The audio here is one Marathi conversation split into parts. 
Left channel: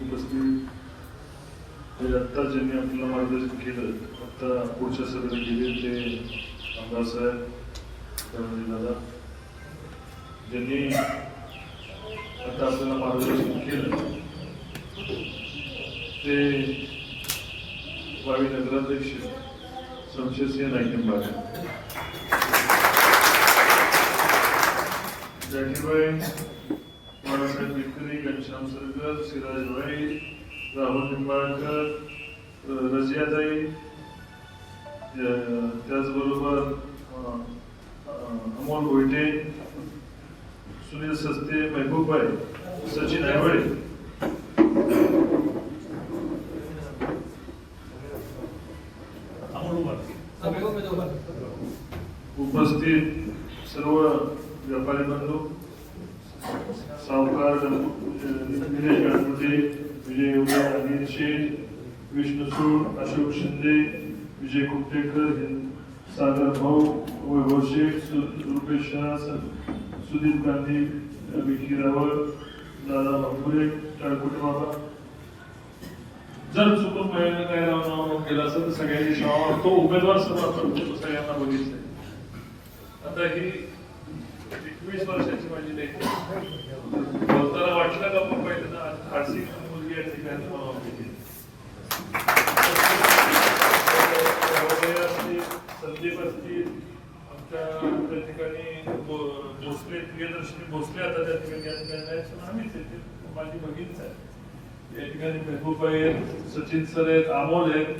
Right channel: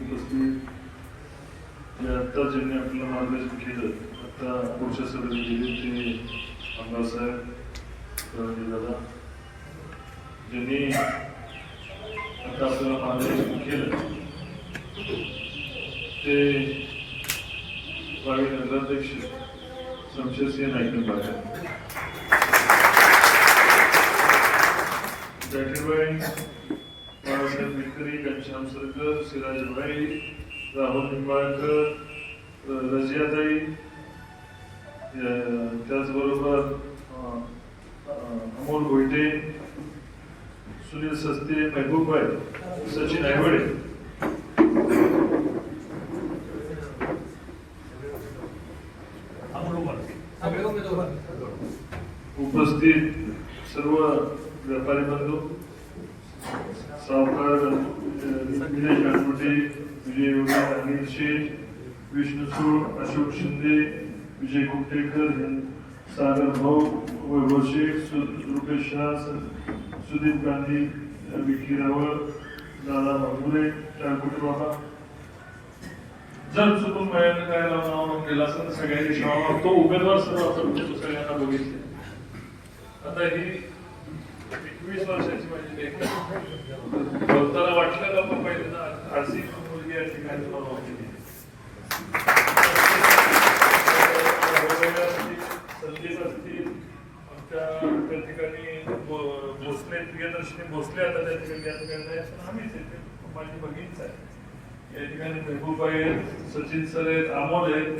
उपस्थित आत्ता ज्यांनी आपलं मार्गदर्शन केलं, आता पुढच्या सभेला गेले ते आमदार साहेब दादा ज्यांनी आता आपल्याला मार्गदर्शन केलं ते भावी नगराध्यक्ष शमशेरसिंह नाईकनबाई, जाकीरबाई, बाबासाहेब मिटकरी, घनश्याम सरकर, सिराजबाई, राहुल निंबाळकर, रजियाताई, त्याचबरोबर अमोल भोईटे, सुनील सस्ते, महबूबबाई, सचिन आयवडे, उपस्थित सर्व व्यापारी बंधू, सावकार विजय कडमुटे, विजय अनिल शेठ, विष्णू सूड, अशोक शिंदे, विजय कुमटेकर, सागर भाऊ, वैभव शेख, रुपेश शाह, सुदीप गांधी, विकी रावळ, दादा बाबुरे, टाळकुटे बाबा. जर चुकून महिन्यानं काय नाव केलं असं तर सगळ्यांनी नाव तो उमेदवार सर्व सगळ्यांना बघितले. आता ही 21 वर्षाची माझी लेख गौताला वाटलं का आपण पहिल्यांदा आरसी मुलगी या ठिकाणी संदीप असतील, आमच्या त्या ठिकाणी भोसले, प्रियदर्शनी भोसले आता त्या ठिकाणी या ठिकाणी आम्हीच येते, माझी बहीणच आहे. या ठिकाणी महबूबाई आहेत, सचिन सर आहेत, अमोल आहेत,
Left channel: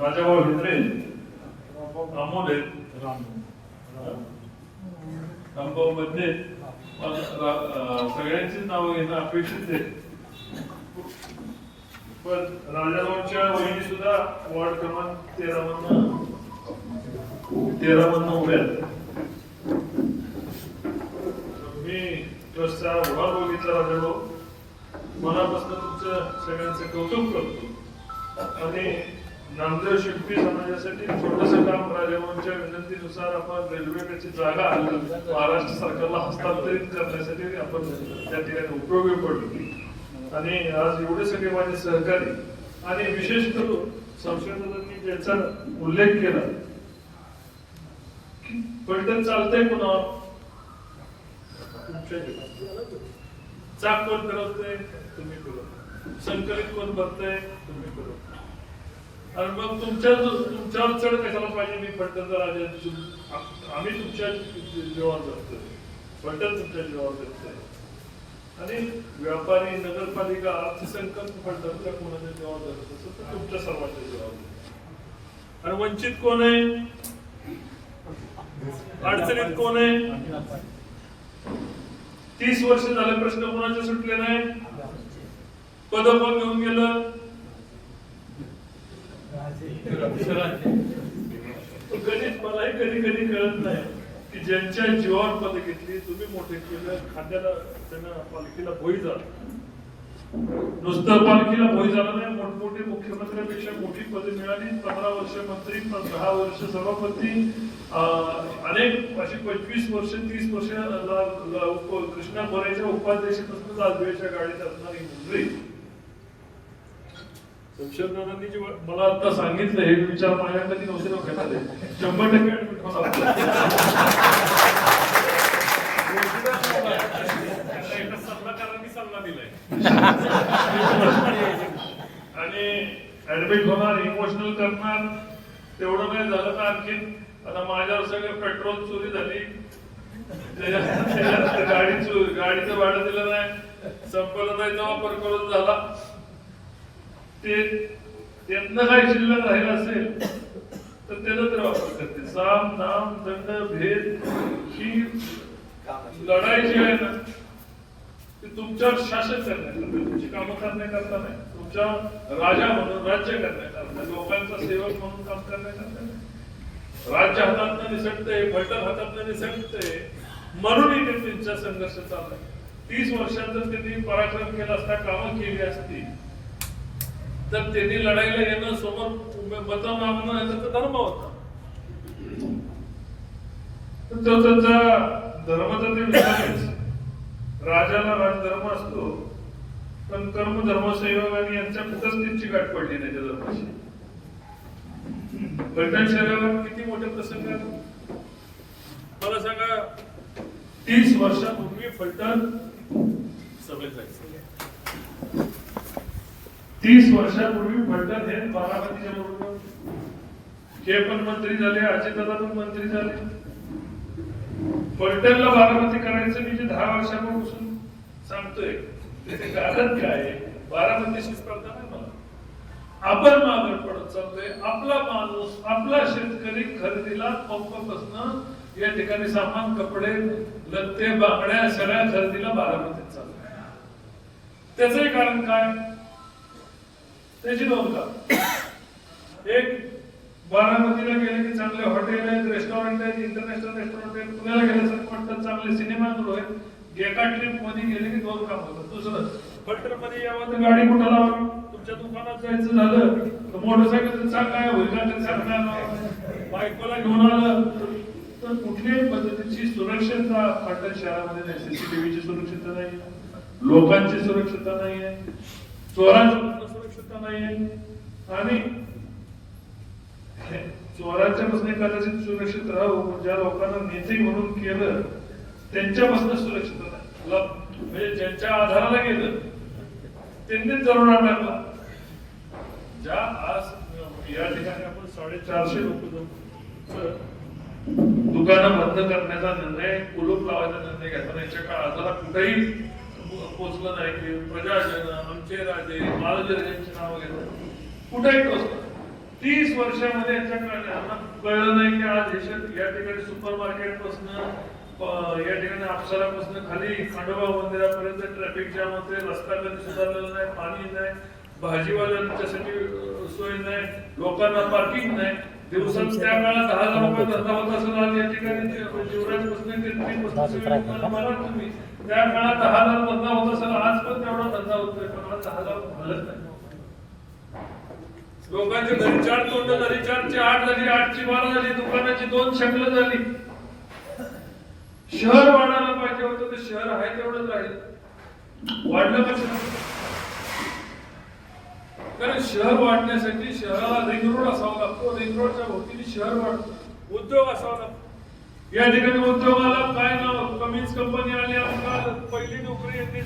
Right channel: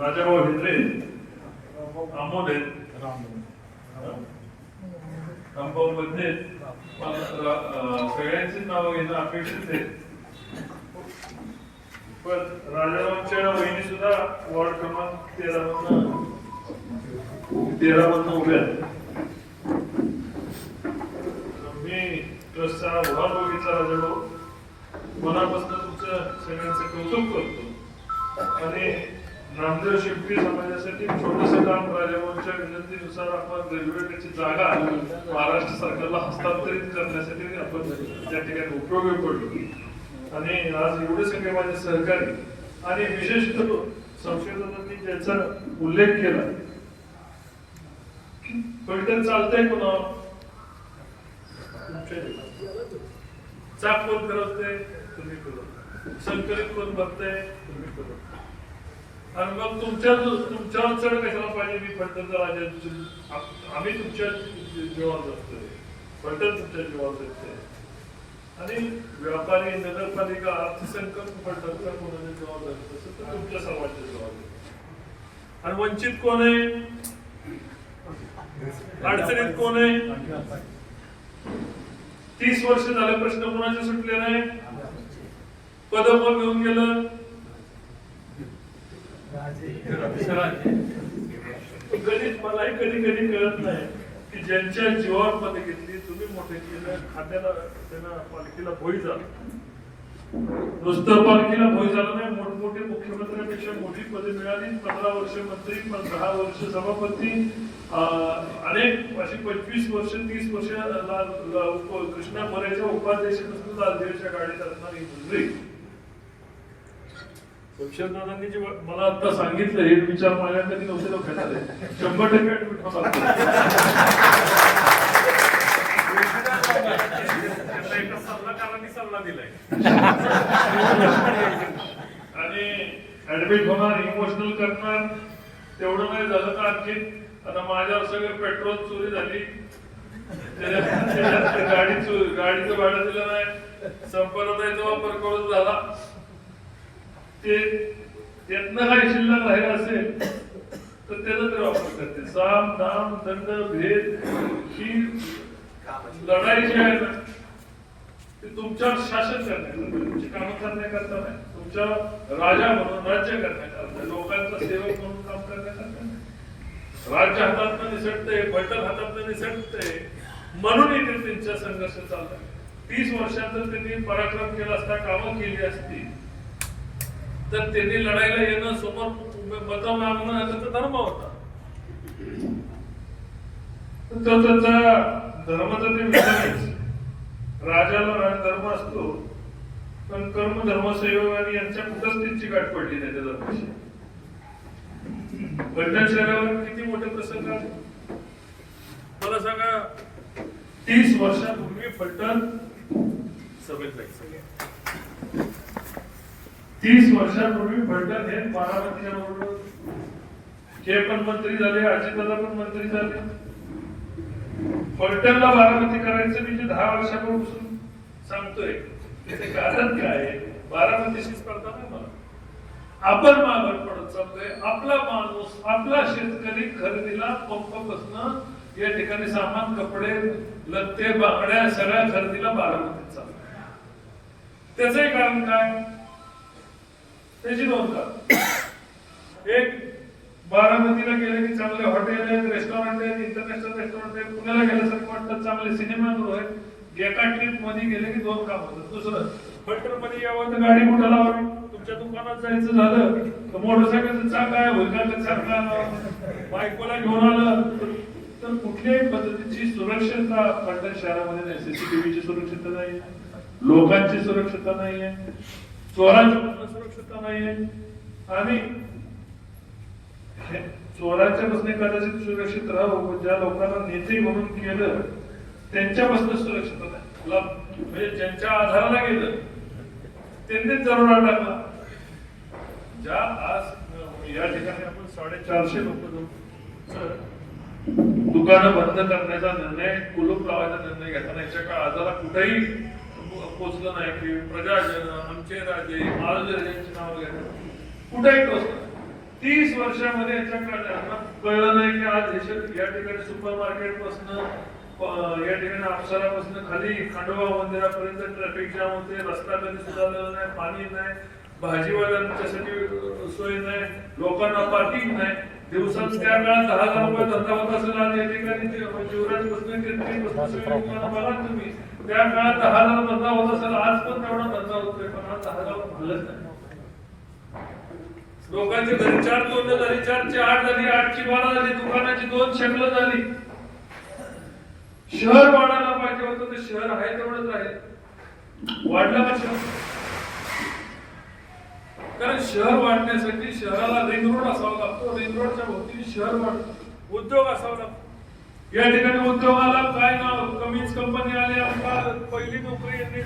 राजाभाऊ हिंद्रे, अमोल आहेत, रामभाऊ मध्ये सगळ्यांची नावं घेणं अपेक्षित आहे. पण राजाभाऊंच्या वहिनी सुद्धा वॉर्ड क्रमांक 13 मधून उभ्या आहेत. मी ट्रस्टचा उभार बघितला राजाभाऊ, मनापासून तुमचं सगळ्यांचं कौतुक करतो. आणि नामदेव शिल्पी समाजासाठी छोटंसं काम राजाभाऊंच्या विनंतीनुसार आपण रेल्वेची जागा महाराष्ट्र सरकारला हस्तांतरित करण्यासाठी आपण त्या ठिकाणी उपयोगी पडलो. आणि आज एवढे सगळे माझे सहकारी आणि विशेष करून संशोधकांनी ज्याचा उल्लेख केला की पैठण चालतंय पुन्हा तुमच्या चाक कोण फिरवतंय तुम्ही फिरवता, संकलित कोण भरतंय तुम्ही फिरवता. आणि मग तुमच्यावर चढ कशाला पाहिजे. मी फलटणचा राजा, आम्ही तुमच्या जीवावर जगतोय, फलटण तुमच्या जीवावर जगतोय. आणि व्यापारी, नगरपालिका, अर्थसंकल्प फलटणचा कोणाच्या जीवावर जगत असेल तर तुमच्या सर्वांच्या जीवावर जगत. आणि वंचित कोण आहे, अडचणीत कोण आहे. 30 वर्ष झाले प्रश्न कोणाचे सुटले नाही. पद कोण घेऊन गेलं, कधीच मलाही कधी कधी कळत नाही की ज्यांच्या जीवावर पद घेतली, तुम्ही मोठे केलं, खात्याला त्यांना पालखीला भोई झालं. नुसतं पालखीला भोई झालं नाही, मोठमोठे मुख्यमंत्र्यांपेक्षा मोठी पदे मिळाली. 15 वर्ष मंत्री, 10 वर्ष सभापती, अनेक अशी 25 वर्ष 30 वर्ष कृष्णा मोरेच्या उपाध्यक्षापासून लालदेवीच्या गाडीत असणारी मंत्री. शमशेरदादांनी जे मला आता सांगितलं हे विचार माझ्या कधी नव्हते डोक्यात आले. 100% ऍडमिट होणार. एका सल्लागारांनी सल्ला दिलाय आणि ऍडमिट होणार, इमोशनल करणार. तेवढं नाही झालं तर आणखी आता माझ्यावर सगळं पेट्रोल चोरी झाली, गाडीचं भाडं दिलं नाही, संपदाचा वापर करून झाला. ते त्यातनं काही शिल्लक राहिलं असेल तर त्याचा तर वापर करते. साम दाम दंड भेद ही लढाई जी आहे ना ते तुमच्यावर शासन करण्याकरता, तुमची कामं करण्याकरता नाही, तुमच्या राजा म्हणून राज्य करण्याकरता, लोकांचा सेवक म्हणून काम करण्याकरता. राज्य हातातनं निसटतंय, फलटण हातातनं निसटतंय म्हणून इथे त्यांचा संघर्ष चाललाय. 30 वर्षांचा त्यांनी पराक्रम केला असता, कामं केली असती तर त्यांनी लढाईला येणं, समोर मत मागणं त्याचा धर्म होता. तो त्यांचा धर्माचा ते विचारच. राजाला राजधर्म असतो पण कर्म धर्मसेवक आणि यांच्या उपस्थितीची गाठ पडली नाही त्याचा. फलटण शहरावर किती मोठे प्रसंग आहेत मला सांगा. 30 वर्षापूर्वी फलटण सभेत 30 वर्षापूर्वी फलटण हे बारामतीच्या बरोबर हे पण मंत्री झाले, अजितदादा पण मंत्री झाले. फलटणला बारामती करायचं मी जे 10 वर्षापासून सांगतोय त्याचे कारण काय आहे. बारामतीशी स्पर्धा नाही मला. आपण मागे पडत चालतोय. आपला माणूस आपला शेतकरी खरेदीला पंपापासून या ठिकाणी सामान, कपडे, लत्ते, बांगड्या सगळ्या खरेदीला बारामतीत चालतोय. त्याचे कारण काय. त्याची 2 कारण. एक, बारामतीला गेले की चांगले हॉटेल आहेत, रेस्टॉरंट आहेत, इंटरनॅशनल रेस्टॉरंट आहेत, पुण्याला गेल्यासारखं वाटतं, चांगले सिनेमागृह आहेत. एका ट्रिप मध्ये गेले की 2 काम होतात. दुसरं, फलटण मध्ये यावं तर गाडी कुठं लावावी. तुमच्या दुकानात जायचं झालं तर मोटरसायकलचं चाक काय होईल का, चाक काय बायकोला घेऊन आलं तर कुठल्याही पद्धतीची सुरक्षितता फलटण शहरामध्ये नाही. सीसीटीव्हीची सुरक्षितता नाही, लोकांची सुरक्षितता नाहीये, चोरांची सुरक्षितता नाहीये. आणि चोरांच्या पासून कदाचित सुरक्षित राहू, ज्या लोकांना नेते म्हणून केलं त्यांच्यापासून सुरक्षित नाही. म्हणजे ज्यांच्या आधाराला गेलं त्यांनीच दरोडा टाकला. ज्या आज या ठिकाणी आपण 450 लोक दुकानं बंद करण्याचा निर्णय, कुलूप लावायचा निर्णय घेताना याच्या काळ आधारा कुठेही पोचलं नाही की प्रजाजन, आमचे राजे, महाराज यांची नाव घेतात कुठेही टोचलं. 30 वर्षामध्ये यांच्या कळलं नाही की आज या ठिकाणी सुपर मार्केट पासून या ठिकाणी अप्सरापासून खाली खंडोबा मंदिरापर्यंत ट्रॅफिक जाम होते. रस्ता कधी सुधारलेला नाही, पाणी नाही, भाजीवाल्यांच्यासाठी सोय नाही, लोकांना पार्किंग नाही. दिवसात त्या काळात 10,000 रुपये धंदा होत असेल, आज या ठिकाणी जीवराज बसणे मला तुम्ही त्या काळात 10,000 धंदा होत असेल, आज पण तेवढा धंदा होतोय, पण आज 10,000 झालंच नाही. लोकांची घरी 4 तोंड झाली, 4ची 8 झाली, 8ची 12 झाली, दुकानाची 2 शकलं झाली. शहर वाढायला पाहिजे होतं ते शहर आहे तेवढंच राहील. वाढलं का शहर. कारण शहर वाढण्यासाठी शहराला रिंग रोड असावा लागतो. रिंग रोडच्या भोवतीने शहर वाढतो. उद्योग असावा लागतो. या ठिकाणी उद्योगाला काय कमीच कंपनी आल्या. पहिली नोकरी यांनी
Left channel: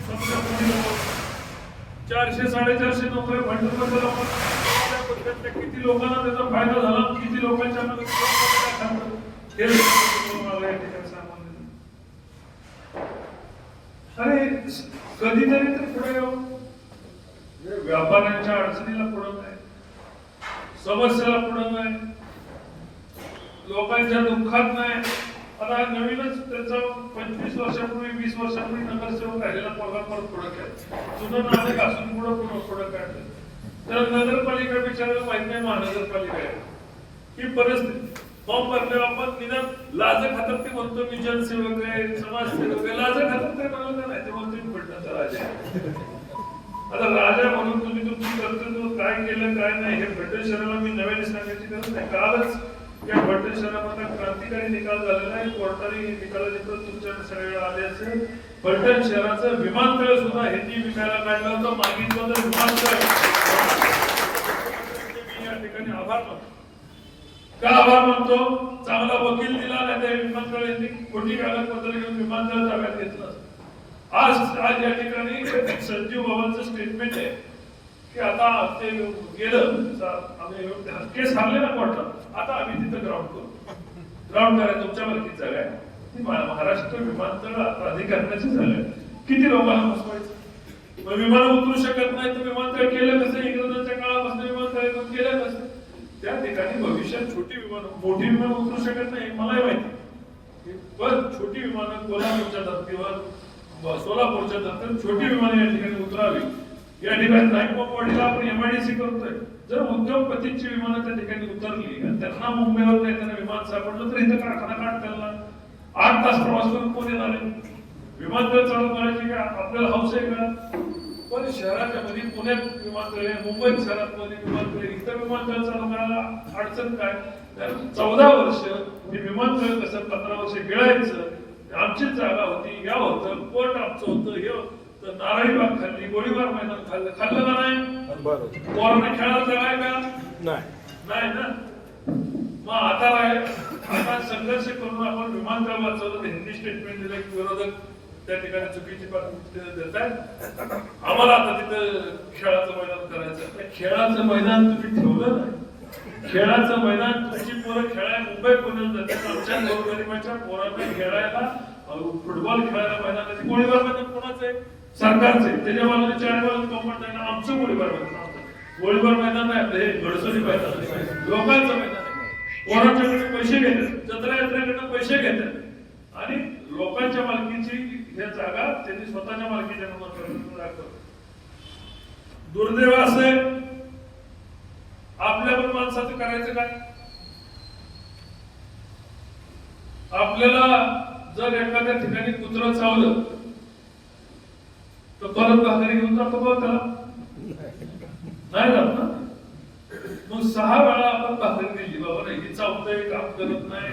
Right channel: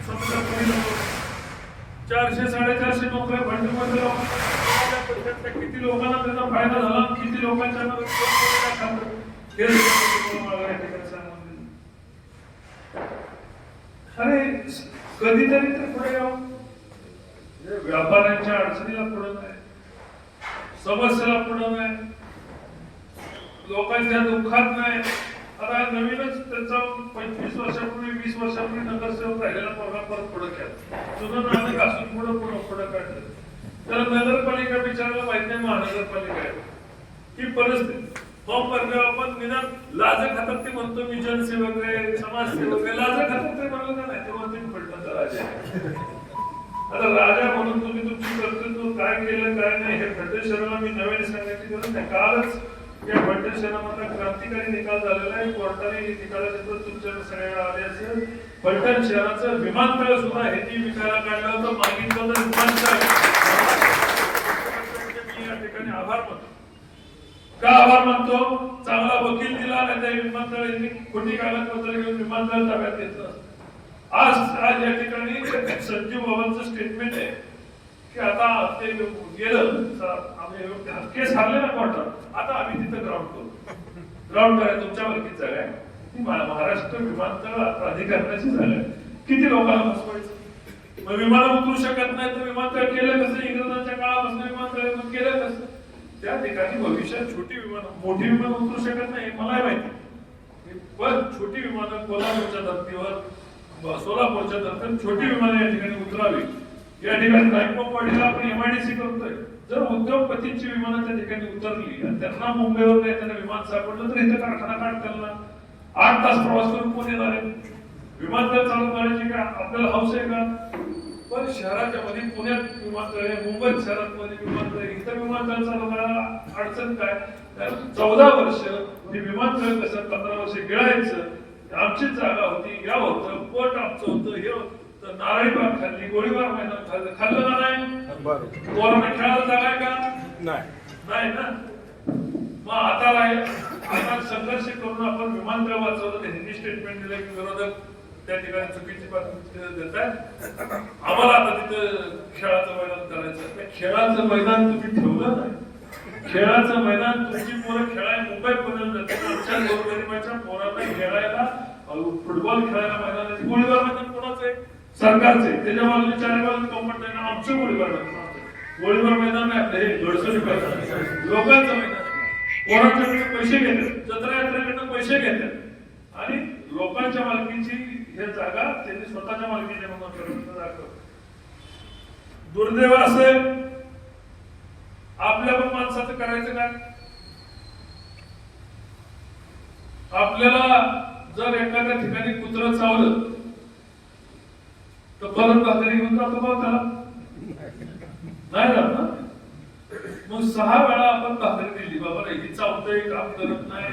400-450 नोकऱ्या फलटणमध्ये लोकांना, किती लोकांना त्याचा फायदा झाला, किती लोकांच्या अरे कधीतरी तर पुढे व्यापाऱ्यांच्या अडचणीला पुढं नाही, समस्येला पुढं नाही, लोकांच्या दुःखात नाही. आता नवीनच त्याचा 25 वर्षापूर्वी 20 वर्षापूर्वी नगरसेवक राहिलेला पगार परत पुढे केला. जुनं नाव घासून पुढे काढलं. तर नगरपालिका विचारायला माहित नाही महानगरपालिका आहे ही परिस्थिती. फॉर्म भरले आपण निदान लाज खातात ते म्हणतो मी जनसेवक आहे, समाजसेवक आहे. लाज खातात ते म्हणाल का नाही, ते म्हणतो मी फलटणचा राजा आहे. आता राजा म्हणून तुम्ही तुमची कर्तृत्व काय केलं काय नाही हे फलटण शहराला मी नव्याने सांगायची गरज नाही. कालच या फलटण शहरामधला क्रांतिकारी निकाल झालेला आहे. कोर्टाने निकालानंतर तुमच्याकडे सगळ्यांना आले असेल. फलटण शहराचं विमानतळ सुद्धा ह्यांनी विकायला काढलं होतं. मागितलं तर विमानतळ मी या ठिकाणी आभार मानतो. का आभार मानतो. चांगला वकील दिला नाही त्या विमानतळ यांनी खोटी कागदपत्र घेऊन विमानतळ ताब्यात घेतलं. आज या ठिकाणी संजीव बाबांचं स्टेटमेंट आहे की आता ते गेलं आम्ही केस हारले ना कोर्टात, आता आम्ही तिथं ग्राउंड करू. ग्राउंड करायला तुमच्या मालकीत जागा आहे. ती महाराष्ट्र विमानतळ प्राधिकरणाची जागा आहे. किती लोकांना फसवायचं. मग विमानं उतरू शकत नाही तर विमानतळ केलं कसं. इंग्रजांच्या काळापासून विमानतळ केलं कसं. त्या ठिकाणी भविष्यात छोटी विमानं, मोठी विमानं उतरू शकत नाही मलाही माहिती, पण छोटी विमानं कोल्हापूरच्या धर्तीवर, सोलापूरच्या धर्तीवर छोटी विमानं या ठिकाणी उतरावी. या ठिकाणी नाईकवाडीला आपण MIDC करतोय. जर उद्योगपतींची विमानं त्या ठिकाणी उतरली आणि त्यांना मुंबईवर त्यांना विमान सापडलं तर इथं कारखाना काढ करणार. 8 तास प्रवास करून कोण येणार आहे. विमानतळ चालू करायची का आपल्याला हौस आहे का. पण शहराच्या मध्ये पुण्यात विमानतळ आहे, मुंबईत शहरात मध्ये विमानतळ, इथं विमानतळ चालू करायला अडचण काय. 14 वर्ष विमानतळ कसं 15 वर्ष गिळायचं. आमची जागा होती, या होतं, कोर्ट आमचं होतं, हे होतं. तर नारळी बाग खाल्ली, गोळीबार मैदान खाल्लं, खाल्लं का नाही? पोरांना खेळायला जागाय का नाही ना? मग आता संघर्ष करून आपण विमानतळ वाचवलं, हिंदी स्टेटमेंट दिलं की विरोधक त्या ठिकाणी चुकीची बातमी देत आहेत, आम्हाला आता तिथं खेळाचं मैदान करायचं. खेळाचं मैदान तुम्ही ठेवलं नाही. खेळाचं मैदान तुमची पोरं खेळायला मुंबई पुण्यात जाते, आमच्या गोरगरिबाच्या पोरांना खेळायला फुटबॉल खेळायला मैदानाचे गोळीबार मैदान कोणाचं आहे? सरकारचं आहे. त्याच्या बाजूने 4 बाजूने कॉम्पॉट आहे ना, आमचं गोळीबार मैदान. गोळीबार मैदान नाही आपलं, हे गडसोली मैदान लोकांचं मैदान आहे. पोरांच्याकडे पैसे घेतात, जत्रा यात्रेकडनं पैसे घेतात आणि लोकांच्या मालकीची हे जागा त्यांनी स्वतःच्या मालकीच्या म्हणून दाखवतो. दुर्दैव असे आपल्या पण माणसाचं करायचं काय? आपल्याला जर एखाद्या ठिकाणी कुत्रं चावलं तर परत भाकरी घेऊन जातो भाऊ त्याला नाही जात ना. मग 6 वेळा आपण भाकरी दिली, बाबा नाही ही चावतंय, काम करत नाही,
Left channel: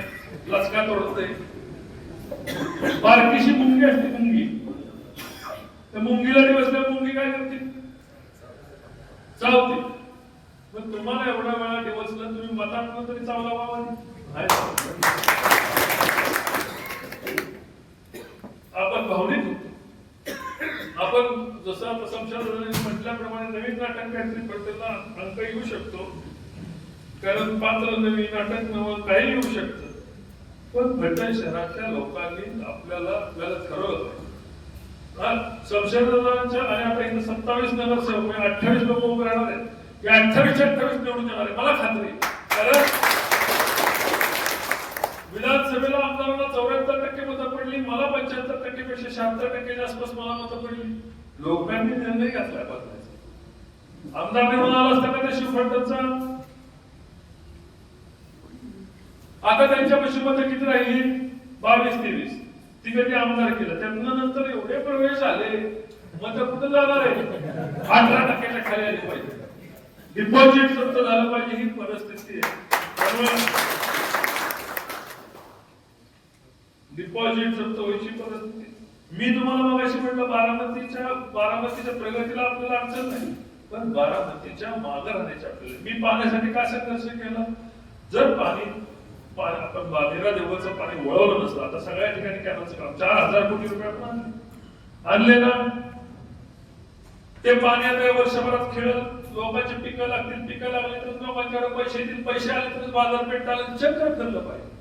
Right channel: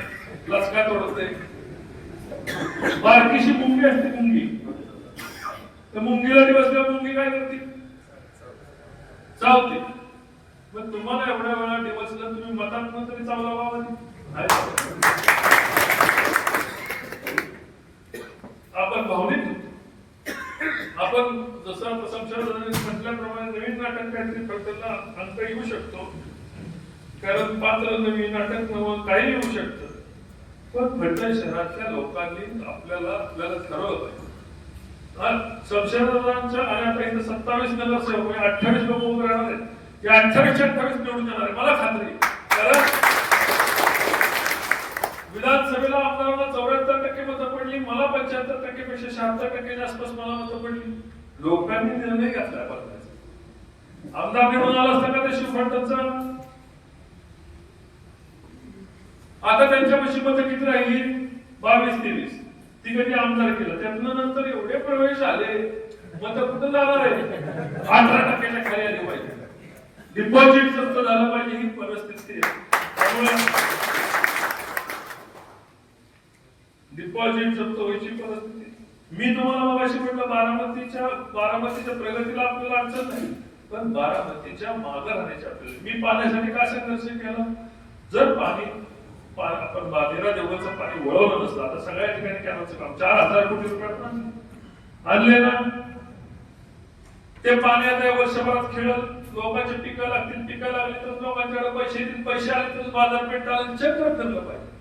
लचका तोडतंय. बारकीशी मुंगी असते, मुंगी, तर मुंगीला दिवसल्या मुंगी काय करते? चावते. मग तुम्हाला एवढ्या वेळा दिवसला तुम्ही मतात तरी चावला बाबा. आपण भावनिक होतो. आपण जसं आता संशोधनाने म्हटल्याप्रमाणे नवीन नाटक काहीतरी फलटणला अंक येऊ शकतो, कारण पात्र नवीन नाटक नवं काही येऊ शकतं. पण फलटण शहरातल्या लोकांनी आपल्याला ठरवलं संशोधनाच्या आणि आता इथं 27 नगरसेवक 28 लोक उभे राहणार आहेत. या 28 निवडून येणार आहे मला खात्री. कारण विधानसभेला आमदारांना 74% मतं पडली, मला 75% पेक्षा 76% आसपास मला मतं पडली. लोकांनी निर्णय घेतला बदलायचा. आमदार निवडून आला असता का त्या शिवफलटणचा? आता त्यांच्यापाशी मतं किती राहिली? 22-23. ती कधी आमदार केलं, त्यातनं नंतर एवढे प्रवेश झाले, मतं कुठं जाणार आहे? 18% खाली आली पाहिजे, डिपॉझिट जप्त झालं पाहिजे, ही परिस्थिती आहे. डिपॉझिट जप्त व्हायची परिस्थिती. मी तुम्हाला मगाशी म्हटलं बारामतीच्या प्रगतीला आपल्याला अडचण नाही, पण बारामतीच्या मागे राहण्याची आपल्याला. मी पाण्यासाठी का संघर्ष केला? जर पाणी आपण 13 दिवसाचं पाणी वळवलं नसलं, आता सगळ्या ठिकाणी कॅनलचं काम 4000 कोटी रुपयात आणले ना, ते पाणी आता वर्षभरात खेळत लोकांची पिकं लागतील, पिकं लागली तर लोकांच्याकडे पैसे येतील, पैसे आले तर बाजारपेठ चालेल. चक्र फिरलं पाहिजे.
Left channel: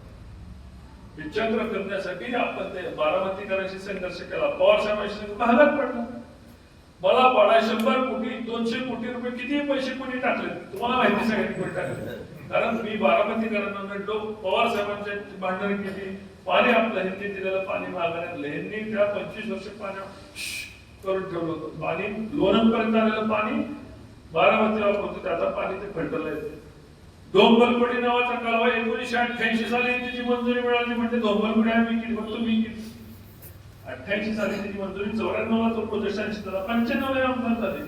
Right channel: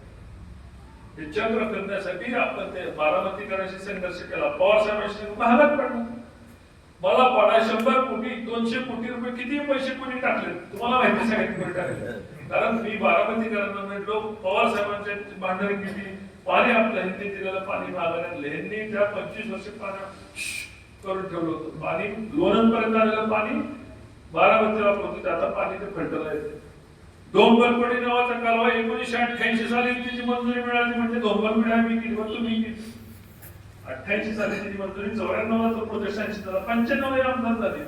हे चक्र फिरण्यासाठी आपण ते बारामतीकरांशी संघर्ष केला. पवार साहेबांशी महागात पडला. मला पडा 100 कोटी 200 कोटी रुपये किती पैसे कोणी टाकले तुम्हाला माहिती, सगळ्यांनी टाकले. कारण मी बारामतीकरांना म्हटलो, पवार साहेबांच्या भांडणी केली, पाणी आपलं हिंदी दिलेलं पाणी मागण्यात ह्यांनी त्या 25 वर्ष पाणी करून ठेवलं होतं. पाणी लोणंद पर्यंत आलेलं पाणी बारामतीला वापरतो, आता पाणी ते फलटणला येते. धोंबलपडी नावाचा कालवा 1988 साली त्याची मंजुरी मिळाली. म्हणजे धोंबलपडी आम्ही केली, तुम्ही केली. 88 साली त्याची मंजुरी, 94ला तो प्रोजेक्ट 80 झाला, 95 आमदार झाले.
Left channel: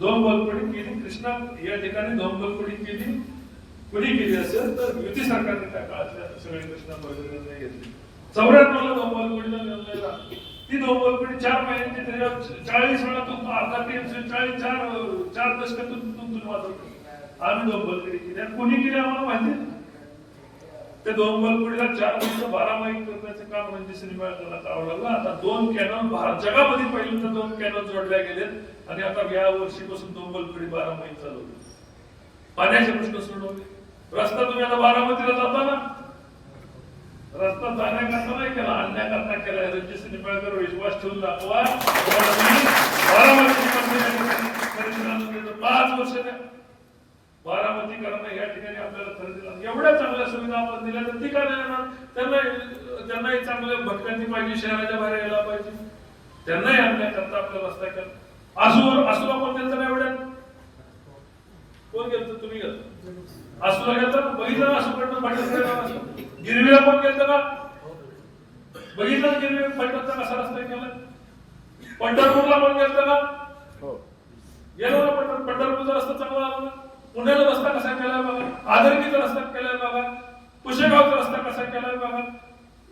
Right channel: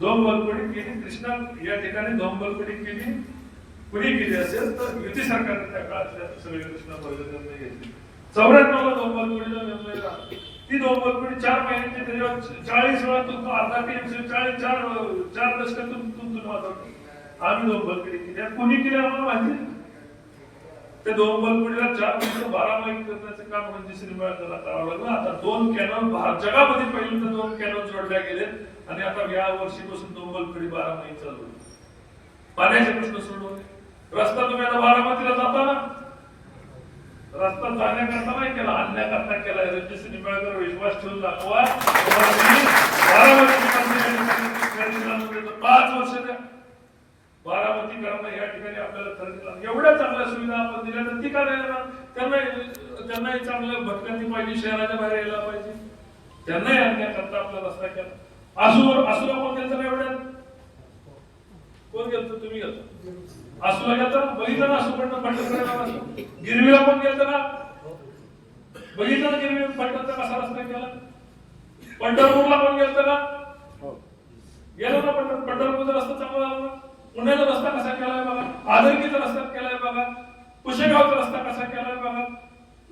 धोंबलपडी केली, कृष्णा या ठिकाणी धोंबलपडी केली. कुणी केली असेल तर युती सरकारने त्या काळात सगळे कृष्णा निर्णय घेतले. 94ला धोंबलपडीचा निर्णय झाला. ती धोंबलपडी 4 महिन्यांची त्याच्यावर 40 वेळा तो अर्धा टीएमसी 4 दशकातून वाजवतो. आम्ही धोंबलपडी केली. कुणी केली आम्हाला माहिती. त्या धोंबलपडीला 4 वर्ष 12 महिने करण्याचं काम रणजित निंबाळकरला करावं लागलं. आता 2 कॅनॉल जगामध्ये पहिल्यांदा 2 कॅनॉल जोडल्या गेलेत आणि आता या वर्षीपासून धोंबलपडी 12 महिने चालू होईल. पाण्याचे प्रश्न सोडवले. रस्ता तुम्ही आता बारामतीला जाता ना, रस्ता जाण्याकरता नाही केला, आणण्याकरता केला. रणजित निंबाळकर विश्वास ठेवून दाखवा. बारामती 5 वर्ष द्या. बारामतीकरांना या ठिकाणी आपल्याला खरेदीला एवढ्या चांगल्या सुविधा आपण दिल्या तर ती का नाही येणार? त्यांनाही चांगल्या भटक्यांनी पाहिजे, शहराच्या बाहेर यायला पाहिजे. त्यांनाही आणण्याकरता आपला रस्ता केला. आसूला कोण गेलं ना एवढ्यात? कोण गेलं? तुम्ही गेलं आसूला गेलं, बघितलं ना आसूकडनं फलटण. गिरवीला कोण गेलं ना? बघितलं गिरवी फलटणचा कसा रस्ता केला. पंढरपूरला कोण गेलं ना? गेलो ना पंढरपूरचा रस्ता चांगला लागला. पुण्याचा रस्ता कसा केलाय बघा, आदरकीचा रस्ता केलाय बघा, पुशेगावचा रस्ता कसा केलाय बघा,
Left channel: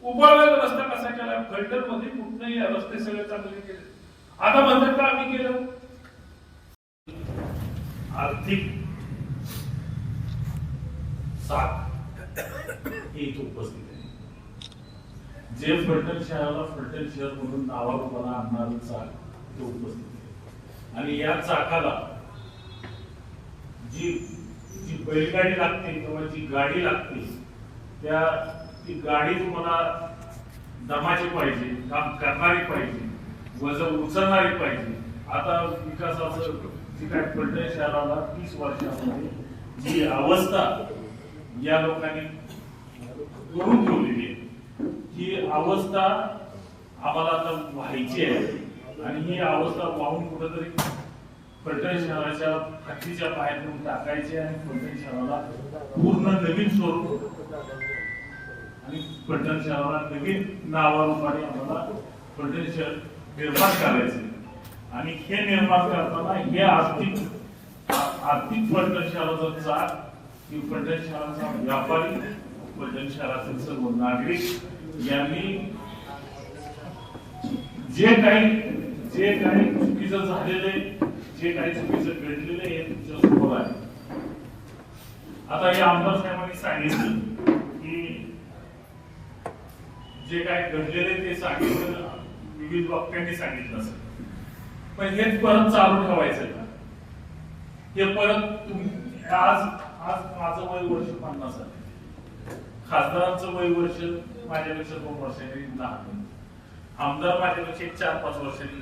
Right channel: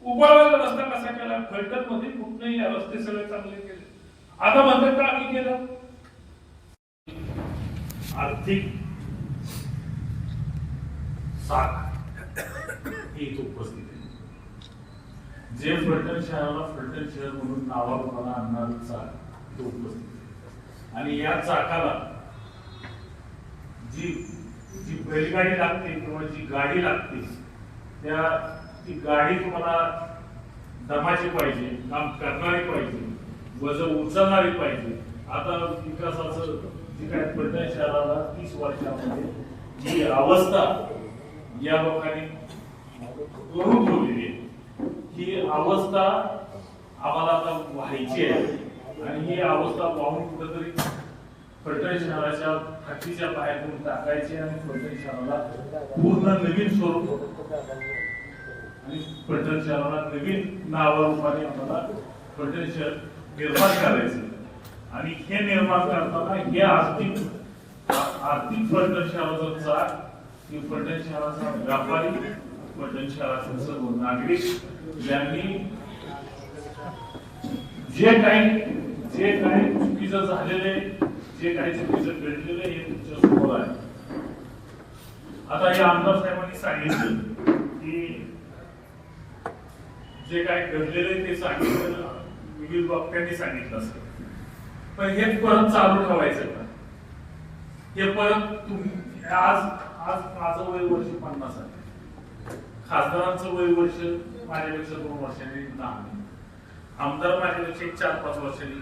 उपळाव्याचा रस्ता कसा केलाय. फलटण मध्ये कुठेही रस्ते सगळे चांगले केले. आता म्हणतात का आम्ही केलं. आर्थिक साख हे इथे उपस्थित आहे. जे फलटण शहराला फलटण शहर म्हणून नावारूपाला आणणारं चाक ते उपस्थित आहे. आणि या चाकाला जी जी बैलगाडी लागते किंवा जी गाडी लागते ती गाडी तुम्हाला दमाची पाहिजे, काम करणारी पाहिजे, वजन उचलणारी पाहिजे. आता विकासाचं जे काय फलटण शहराला 30 वर्षामध्ये जी अवस्था या लोकांनी करून ठेवलेली आहे, ही अवस्था आम्हाला आता व्हायची आहे. आणि ही अवस्था वाहून कुठेतरी फलटण शहराच्या हद्दीच्या बाहेर घेऊन टाकायचे आणि फलटण शहराला पूर्ण नवीन स्वरूप आणि फलटण शहराला नवीन नावारूपाने आम्हाला फलटण शहर निर्माण करायचे. आणि हे निर्माण करताना हे आर्थिक फलटण शहराचा चाक, की फलटण शहराचा व्यापारी, फलटण शहराचे सर्व नागरिक यांनी जे काही चुकीचं झालेले, जे काही चुकीचं घडलेलं हे तुमच्या समोर आहे. आता हे आमदार साहेबांनी सांगितलं की जे काही घडलेले ते सांगितलं, विविध वक्त्यांनी सांगितलं असेल, पण हे परत चालू ठेवायचं का? हे परत आज माझं वय वर्ष 50 आहे, खासदारांचं वय वर्ष माझ्यापेक्षा 2 वर्षांनी लहान, आमदार माझ्यापेक्षा 4-5 वर्षांनी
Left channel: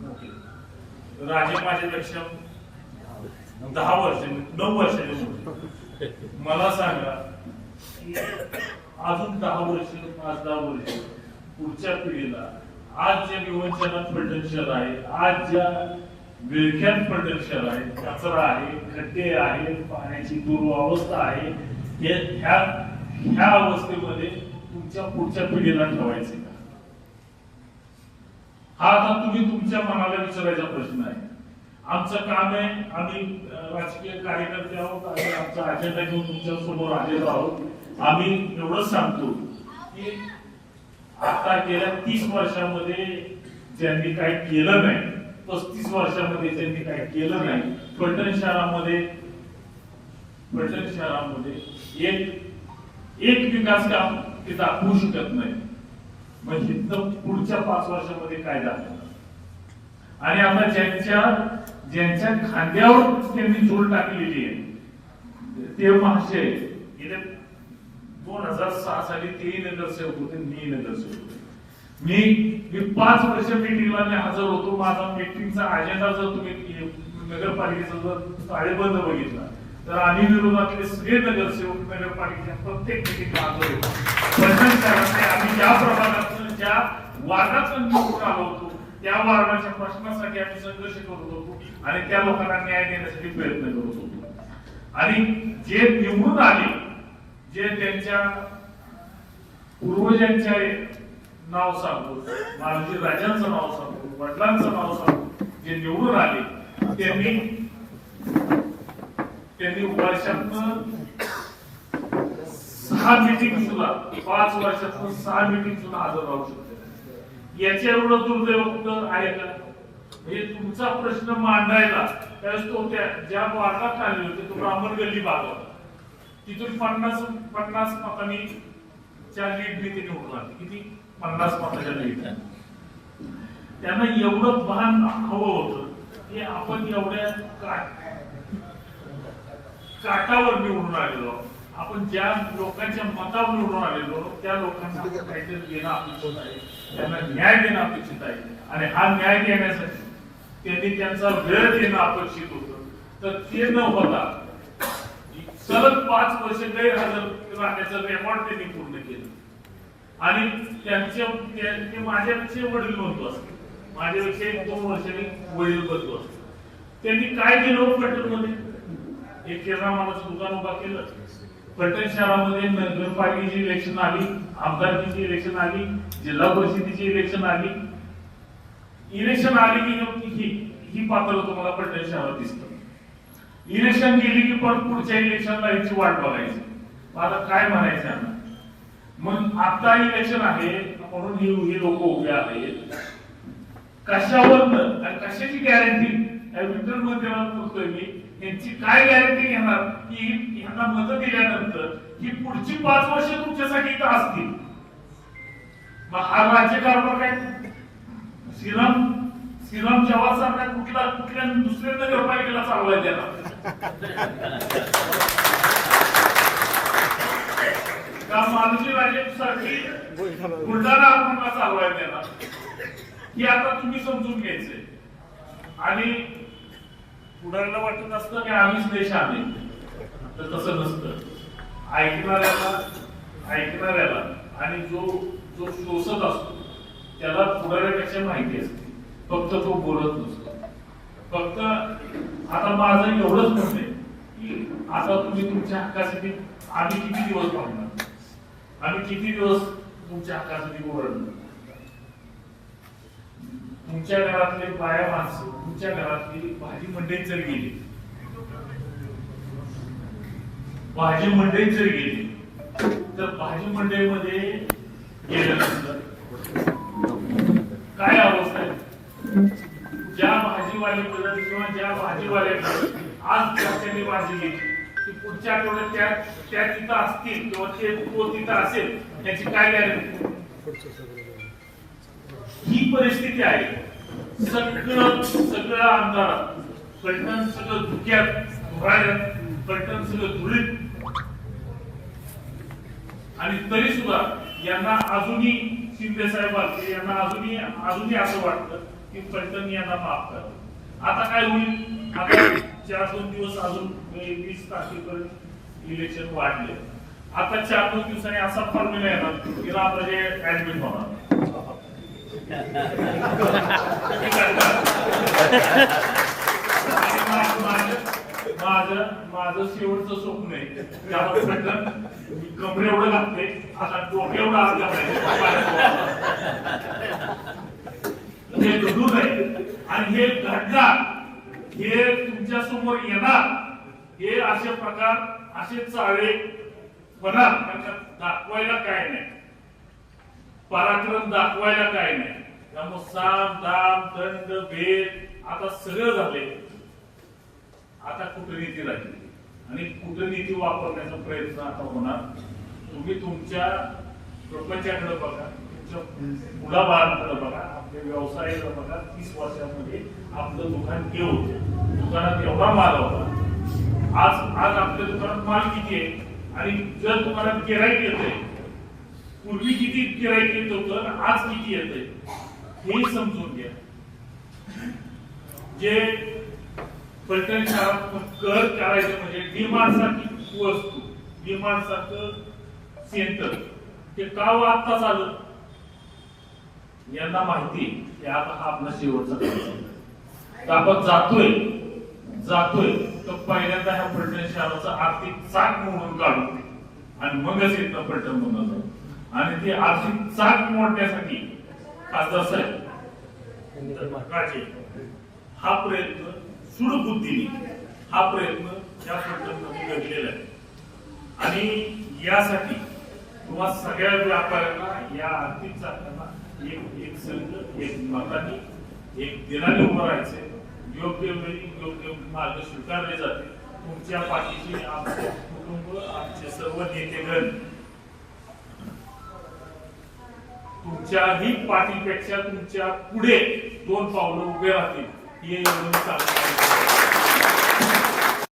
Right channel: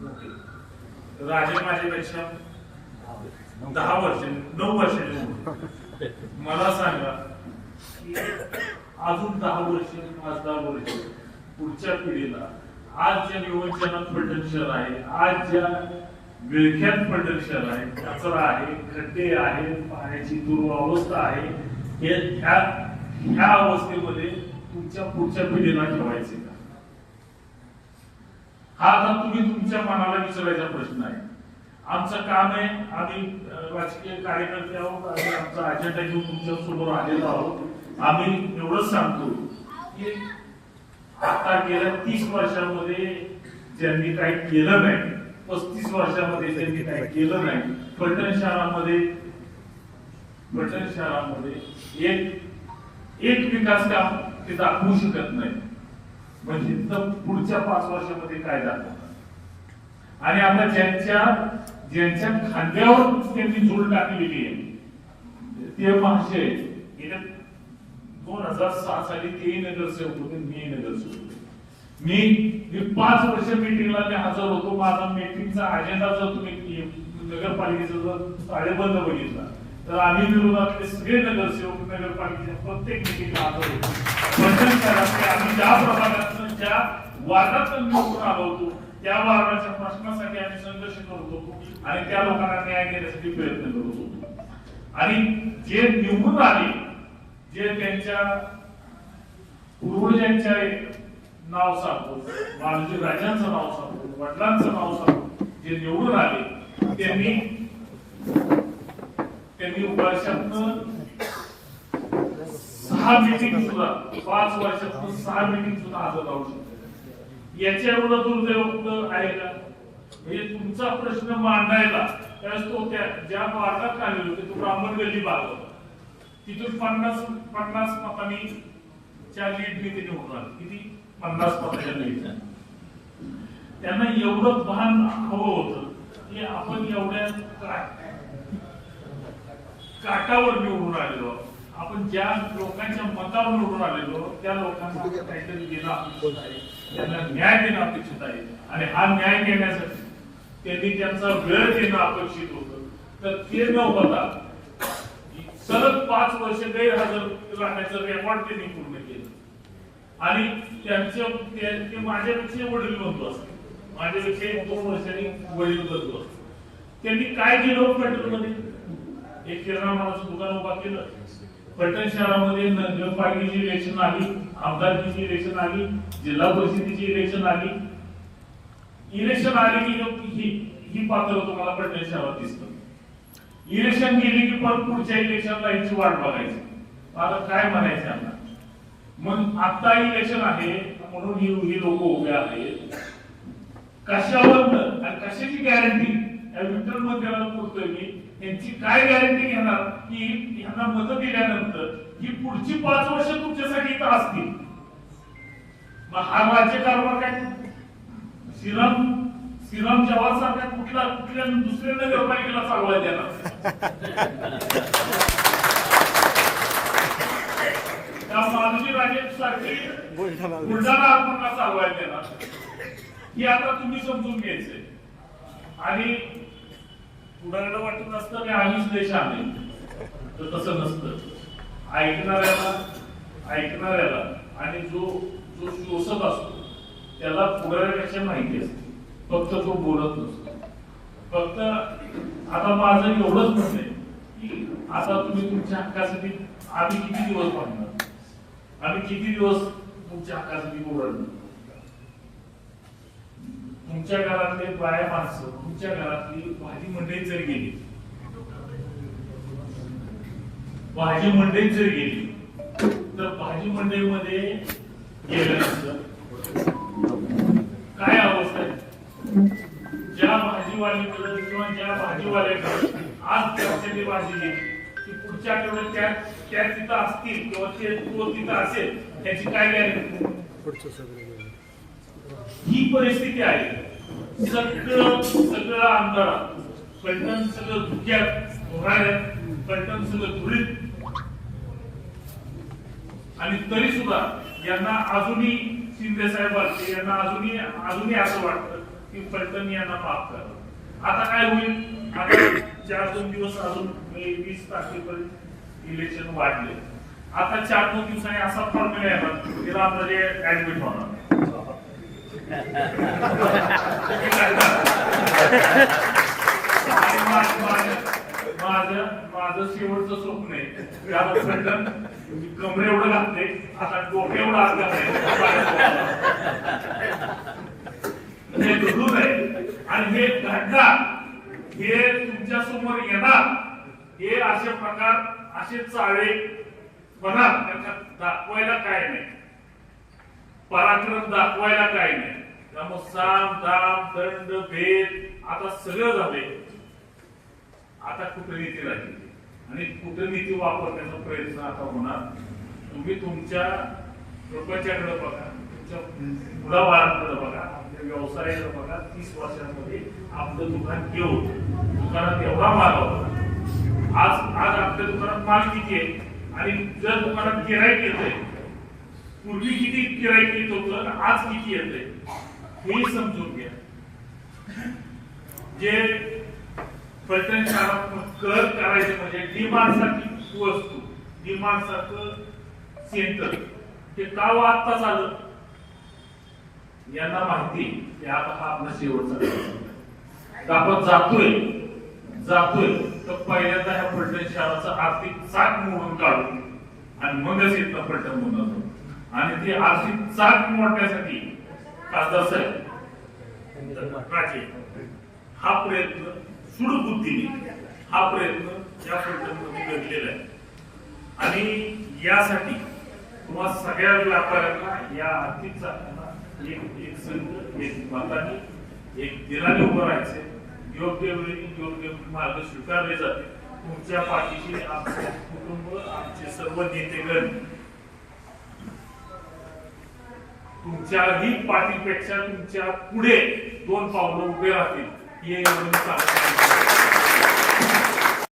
मोठे, राजे माझ्यापेक्षा 10 वर्षांनी 9 वर्षांनी मोठे. मला सांगा की अजून 10 वर्ष, 5-10 वर्ष पुढच्या पिढीला आज ज्या विवंचनात फलटण शहर आहे, आज ज्या विळख्यात फलटण शहर आहे, कचरा आहे, खड्डे आहे, पाण्याची दुरवस्था आहे, ह्या अवस्थेमध्ये तुमच्या पुढच्या पिढीला ठेवायचे का? हा आता तुम्ही तुमच्या मनाला विचारायचा प्रश्न आहे. आमचं काम आहे, आम्ही राजकीय कार्यकर्ते आहोत, आम्ही आमचा अजेंडा घेऊन तुमच्या समोर आलेलो आहोत. आम्ही एवढंच सांगतो की आता गेल्या 30 वर्षामध्ये ज्यांनी काही केलं नाही, 35 वर्षामध्ये ज्यांनी काही केलं नाही, फलटण शहरामध्ये एक विकास काम ते दाखवू शकत नाही. म्हणजे पुढच्या 5 वर्षामध्ये काय दाखवणार? आणि आता ज्यांच्या खांद्यावर त्यांनी जोड टाकलेली आहे ते महाशय गेल्या 2006 साली तेही नगरसेवक होते, मी नगरसेवक होते. मी 5 वर्ष मीटिंगला हजर होतो. माझा मीटिंगचा अजेंडा जर तुम्ही नगरपालिकेचा जर ताळेबंद बघितला तर आम्ही विरोधातले सगळे नगरसेवक नगरपालिकेच्या प्रत्येक मीटिंगला हजर होतो. फलटण शहरातले आम्ही ज्या प्रभागातून ज्या वार्डातून निवडून आलो होतो त्या वार्डाच्या प्रश्नासाठी आम्ही संघर्ष करत होतो आणि त्या लोकांना न्याय देण्यासाठी प्रयत्न करत होतो. आणि जे निवडून आले, जे त्यांच्या पूर्वजांच्या नाव सांगतो, महाराज राजांचं नाव सांगतो, वडिलांचं नाव सांगतो, जे निवडून आले त्यांनी वर्षातनं 6 मीटिंग सुद्धा, 5 वर्षातून 6 मीटिंग सुद्धा हजर राहू शकते. याच्या एवढं दुर्दैव आहे का? म्हणजे तुमचा प्रश्न मांडायला त्यावेळेस तो ज्या वार्डात आलेले होते तो ब्राह्मण गल्ली भाग होता, तिथून 50 मतांनी च्या लीडने ते निवडून आले. किती? 50 मताच्या लीड. त्यांना एवढं भान हवं होतं की आपण एवढ्या काटावर निवडून आलेलो, आपण ज्या लोकांच्या मतावर निवडून आलेलो त्या लोकांना काहीतरी देणं अपेक्षित आहे, त्यांना न्याय देणं अपेक्षित आहे. आणि हा न्याय देण्यासाठी त्यांनी त्यांचा वेळ देणं अपेक्षित होतं. तर ते न होता सलग 5 वर्ष गैरहजर राहण्याचं रेकॉर्ड त्यांनी पूर्ण केलं. आणि ते माझ्यापेक्षा वडील बनतो असते, माझ्यापेक्षा 1-2 वर्षांनी वडील बनतो असते. त्यांनी काय केलं फलटण मध्ये? एक किराणा मालाचं दुकान उभा केलं. फलटण शहरामध्ये नगरपालिकेची इलेक्शन आली, आमदारकीची इलेक्शन आली, जिल्हा परिषदेची इलेक्शन आली. इलेक्शन आली की ही पात्र तुम्हाला फलटण शहरात दिसतं. इलेक्शन गेली की परत पुढच्या इलेक्शनला याची वाट बघायची. आता काय म्हणायचं? मग आता इलेक्शन आहे म्हणून ही लोक उभे आहेत. कशावर आणि कशाची गॅरंटी विठ्ठल मंदिरावर करतोय मी, यांची काय गॅरंटी घेणार की यांना मतं दिल्यानंतर ही पुढची 5 वर्ष तुमच्यासाठी इथं असतील? मग हा राज्यकारभार काय श्रीराम जवाहर सारख्या कुठल्या दुसऱ्या नगरपालिकेला चालवायला देणार? का माधुजी राजे सारखी बुलढाणा आपणला चालवायला देणार? हे आता तुम्ही समजून घ्यायचंय. आणि पुढाऱ्याला वाटत असतं की आम्हीच देश आहे, तर तसं नसतं. ऐकणाऱ्याला आणि जो शोषक असतो त्याला पुढाऱ्यापेक्षा माहिती असते, फक्त तो बोलत नसतो. फक्त आता माझं एवढंच म्हणणे की आता तुम्ही तुमच्या हक्कासाठी आम्ही किती दिवस थांबणार, आम्ही किती दिवस तुमच्या हक्कासाठी ओरडणार? तुमच्या घरातले बाया माणसं, तुमच्या घरातली भाजी मंडईत जर गेली, तर भाजी मंडईमध्ये गेल्यानंतर काय अवस्था आहे? ज्या भाजीवाल्याकडे किंवा ज्या भाजीवाल्याकडे आज त्याच्याने भाजी गेली ती पुढच्या आठवड्यात त्या तिथं असतील किंवा तो तिथं असेल, त्याची काय गॅरंटी? ही परिस्थिती आहे. सगळं अंधारात, पलटण सगळं धुक्यात, धुराड्यात, पलटण सगळं धुळीत. आणि तरी सुद्धा यांना अजूनही शिंदे साहेब यांना अजूनही असं वाटतं की पलटण यांना माफ करावं. आता काय होईल? आता 4-2 दिवस अजून 20 तारखेपर्यंत इलेक्शन वाढले. आता 4-2 दिवसांनी असा फॉर्म्युला येणार की रामराजे ऍडमिट होणार. माझं शेवटचं स्वप्न आहे कमरे एवढं लागते, आता डोके एवढं आग हे घडून आहे. आणि हे घडणार, हे तुमच्या समोर येणार. हे असे प्रकार, असे चाळे होणार. दाखवायला काय नाही, पराक्रम दाखवायला काय नाही. त्यामुळे साम दाम दंड भेद आता सगळं झाले. आता कूटनीती राहिली आणि कूटनीती वापरण्याचा प्रयत्न आता होणार. तुम्ही तुमच्या प्रपंचाकडे बघा, तुमच्या मुलाबाळांकडे बघा, आपल्या व्यवसायाकडे बघा. 30 वर्षांमध्ये आपलं दुकान घेऊन दुकानात एवढा माल होता. आज आपल्या दुकानात माल किती आहे? आणि जर दुकानात गिराईक येतंय, पूर्वी किती गिराईक येत होतं, आज किती येतंय हे समजून घ्या. जे पलटण शहरात कर करायचे म्हणजे डिमांड सारखी वस्तू, डिमांड सारखं सेंटर ते का आत्ताच आलं? यांना माहिती की आता हा आपला शेवटचा आपण जातोय तर पहिल्यांदा ह्या पलटण शहराचा आर्थिक चाक मोडून काढू आणि मगच येतं पलटण बनवतो. आणि ते आर्थिक चाक मोडण्यासाठी खासदार साहेब राजे हा प्रयत्न सुडबुद्धीने हा प्रयत्न या पलटणमध्ये घडलेला आहे. आणि यासाठी तुम्हा सगळ्या व्यापाऱ्यांना या आर्थिक चाकांना एक संघ, एक मताने, एक दिनाने उभं राहायचे. योग्य वेळी योग्य मार्ग स्वीकारले जाते. तुमच्या पाठीशी आमचे कुटुंब, आमचे सर्व नेतेगण तुमच्याही पाठीपेक्षा तुमच्या पुढे 2 पावलं उभे राहतील हे एवढं सांगतो.